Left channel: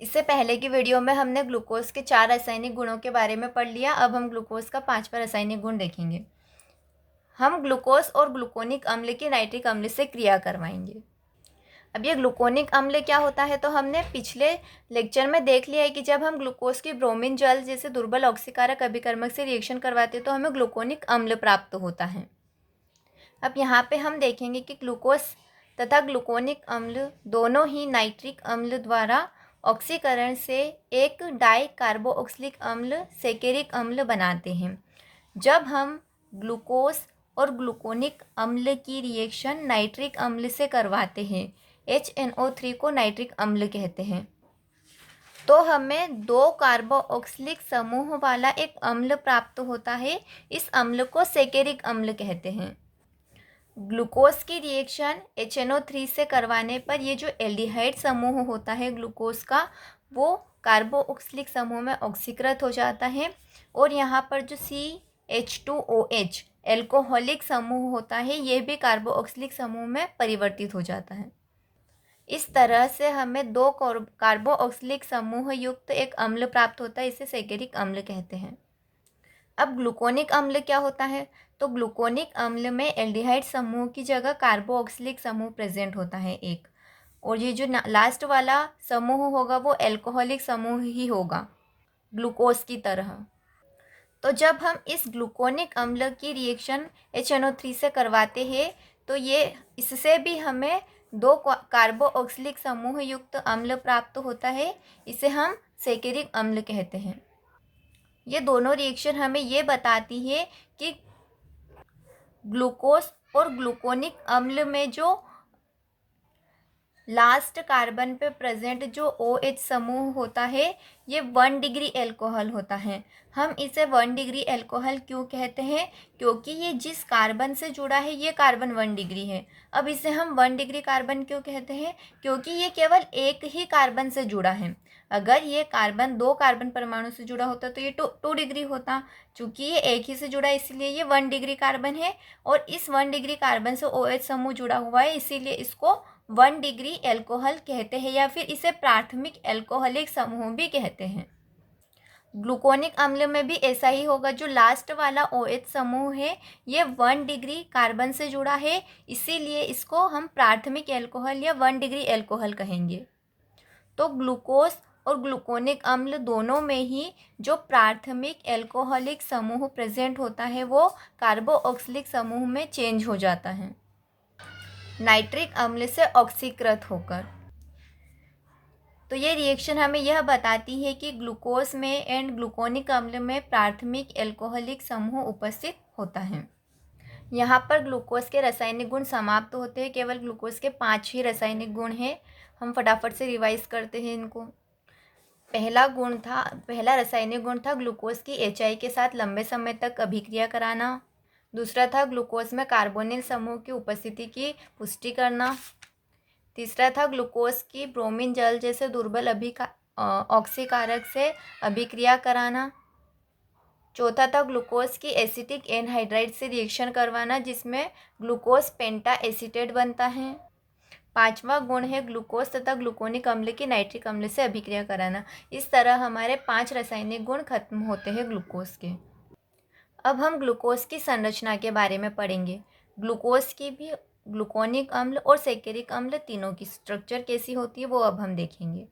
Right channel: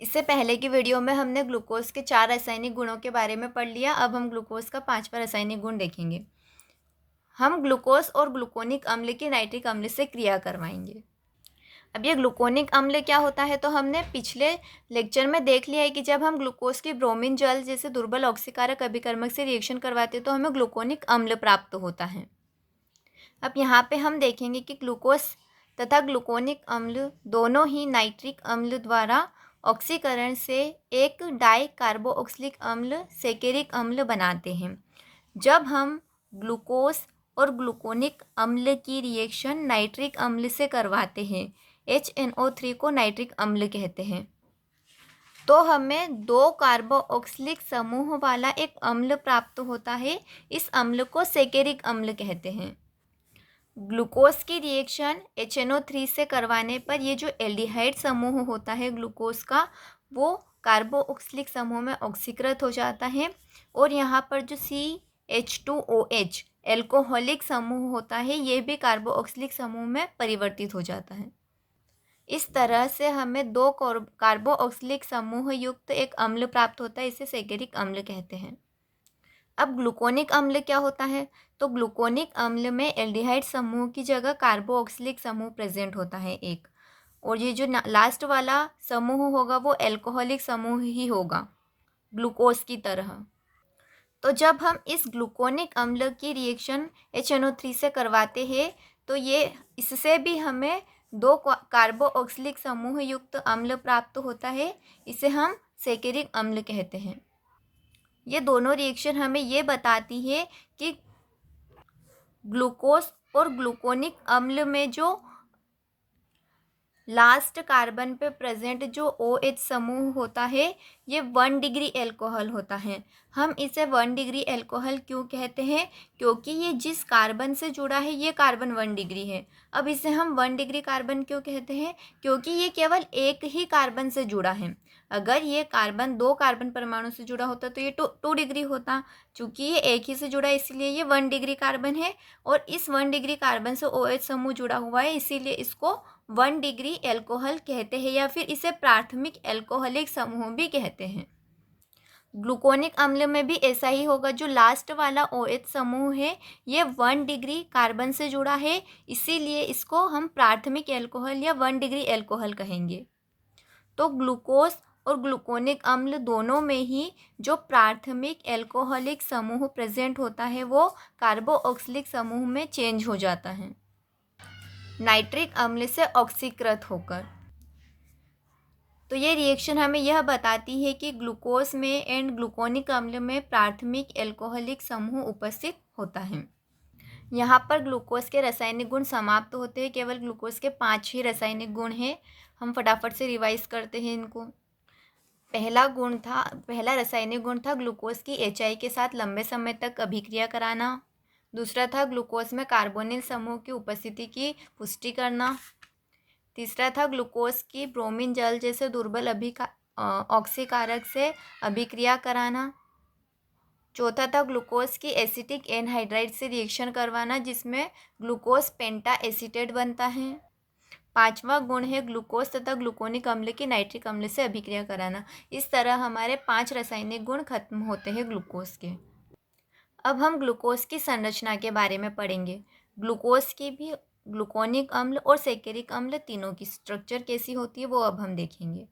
इससे पहले की वीडियो में हमने ग्लूकोज के 4 रासायनिक गुणों के बारे में पढ़ लिया। अब हम ग्लूकोज का 5वां रासायनिक गुण देखेंगे। हम ग्लूकोज और ग्लूकोनिक अम्ल की नाइट्रिक अम्ल से क्रिया करवाएंगे। अब ये ग्लूकोनिक अम्ल क्या होता है, तो हमने पिछले लेक्चर में देख लिया है कि जब हम ग्लूकोज की ब्रोमीन जल जैसे दुर्बल ऑक्सीकारक अभिकर्मक से रिएक्शन करवाते हैं तो हमें ग्लूकोनिक अम्ल प्राप्त होता है। अब यहाँ पे हम देखेंगे कि ग्लूकोज तथा ग्लूकोनिक अम्ल दोनों ही नाइट्रिक अम्ल द्वारा ऑक्सीकरण से एक डाई कार्बोक्सिलिक अम्ल सेकेरिक अम्ल बनाते हैं। जब हम ग्लूकोज और ग्लूकोनिक अम्ल की रिएक्शन नाइट्रिक अम्ल से करवाते हैं, HNO3 को नाइट्रिक अम्ल कहते हैं, तो हमें 2 कार्बोक्सिलिक समूह वाला एक अम्ल प्राप्त होता है। इस अम्ल को सेकेरिक अम्ल कहते हैं। ग्लूकोज की रिएक्शन HNO3 से करवाने पर ये जो एल्डिहाइड समूह होता है ग्लूकोज का, वो कार्बोक्सिलिक समूह में ऑक्सीकृत हो जाता है और यहाँ पर जो CH2OH एल्कोहलिक समूह होता है ये भी कार्बोक्सिलिक समूह में परिवर्तित हो जाता है। इस तरह से हमें 2 कार्बोक्सिलिक समूह युक्त एक अम्ल प्राप्त होता है। इसे सेकेरिक अम्ल कहते हैं। अब ग्लूकोनिक अम्ल क्या होता है, तो ग्लूकोनिक अम्ल में एल्डिहाइड समूह की जगह कार्बोक्सिलिक समूह प्रेजेंट होता है एक, और ये जो लास्ट वाला समूह होगा वो एल्कोहलिक समूह ही होगा ग्लूकोज की तरह। तो जब हम इस ग्लूकोनिक अम्ल की रिएक्शन HNO3 से करवाते हैं तो ये इससे भी हमें 2 कार्बोक्सिलिक समूह युक्त अम्ल प्राप्त होता है। इसे हम सेकेरिक अम्ल कहते हैं। ये दोनों रिएक्शन हमें ये बताती है कि ग्लूकोज और ग्लूकोनिक अम्ल में जो लास्ट कार्बन पे प्रेजेंट जो OH समूह होता है ये 1 डिग्री एल्कोहल होता है। हम इसे 1 डिग्री एल्कोहल क्यों कहते हैं, क्योंकि ये जिस कार्बन से जुड़ा है ये कार्बन 1 डिग्री है। अब इसे हम 1 डिग्री कार्बन क्यों कहते हैं, क्योंकि ये केवल एक ही कार्बन से जुड़ा है। अगर ये कार्बन 2 कार्बन परमाणु से जुड़ा होता तो ये 2 डिग्री होता। चूँकि ये एक ही से जुड़ा है इसीलिए ये 1 डिग्री कार्बन है, और इस 1 डिग्री कार्बन से OH समूह जुड़ा हुआ है इसीलिए इसको 1 डिग्री एल्कोहल कहते हैं, या फिर इसे प्राथमिक एल्कोहलिक समूह भी कहते हैं। ग्लूकोनिक अम्ल में भी ऐसा ही होगा। जो लास्ट वाला OH समूह है ये 1 डिग्री कार्बन से जुड़ा है, इसीलिए इसको हम प्राथमिक एल्कोहल या 1 डिग्री एल्कोहल कहेंगे। तो ग्लूकोज और ग्लूकोनिक अम्ल दोनों में ही जो प्राथमिक एल्कोहलिक समूह प्रेजेंट होता है वो कार्बोक्सिलिक समूह में चेंज हो जाता है नाइट्रिक अम्ल से ऑक्सीकृत होकर। तो ये रिएक्शन हमें यह बताती है कि ग्लूकोज में एंड ग्लूकोनिक अम्ल में प्राथमिक एल्कोहलिक समूह उपस्थित होता है। यहाँ पर ग्लूकोज के रासायनिक गुण समाप्त होते हैं। केवल ग्लूकोज के 5 ही रासायनिक गुण हैं। हम फटाफट से रिवाइज करते हैं इनको। पहला रासायनिक गुण था ग्लूकोज की HI के साथ लंबे समय तक अभिक्रिया कराना। दूसरा था ग्लूकोज में कार्बोनिल समूह की उपस्थिति की पुष्टि करना। तीसरा था ग्लूकोज की ब्रोमीन जल जैसे दुर्बल ऑक्सीकारक से अभिक्रिया कराना। चौथा था ग्लूकोज की एसिटिक एनहाइड्राइड से रिएक्शन करवाना जिसमें ग्लूकोज पेंटा एसीटेट बनता है। 5वां गुण है ग्लूकोज तथा ग्लूकोनिक अम्ल की नाइट्रिक अम्ल से अभिक्रिया कराना। इस तरह हमारे 5 रासायनिक गुण खत्म होते हैं ग्लूकोज के। अब हम ग्लूकोज की संरचना के बारे में पढ़ेंगे। ग्लूकोज की भी ग्लूकोनिक अम्ल और सेकेरिक अम्ल तीनों की स्ट्रक्चर कैसी होती है वो अब हम देखेंगे।